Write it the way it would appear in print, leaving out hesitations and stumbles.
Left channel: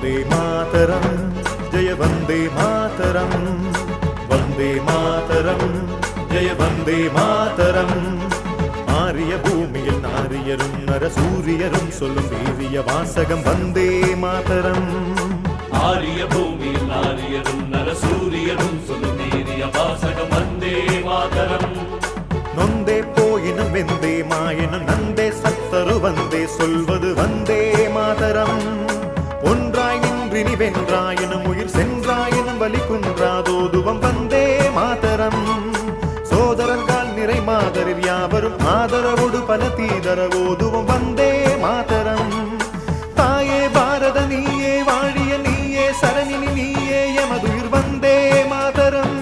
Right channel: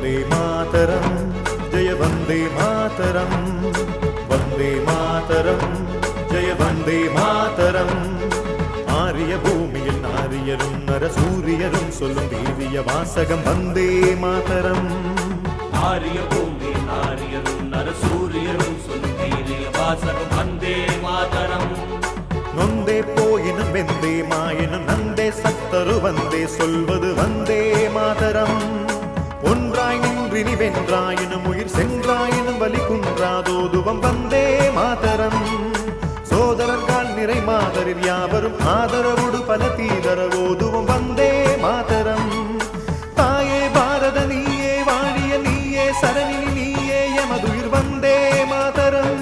वन्दे मातरम् जय वन्दे मातरम् वन्दे मातरम् जय वन्दे मातरम् ஆரிய பூமியில் நாரியரும் நரசூரியரும் சொல்லும் வீரிய வாசகம் வந்தே மாதரம் ஆரிய பூமியில் நாரியரும் நரசூரியரும் சொல்லும் வீரிய வாசகம் வந்தே மாதரம் நொந்தே போயினும் வெந்தே மாயினும் நந்தே சத்தரு வந்தே சொல்வது வந்தே மாதரம் ஒன்றாய் நின்றினி வென்றாயினும் உயிர் சென்றாயினும் வலி குன்றாதோதுவம் வந்தே மாதரம் சோதரர்கள் நிறை மாதரில் யாவரும் ஆதரவோடு பல தீதரவோதுவம் வந்தே மாதரம் தாயே பாரத நீயே வாழிய நீயே சரணினி நீயே எமதுயிர் வந்தே மாதரம்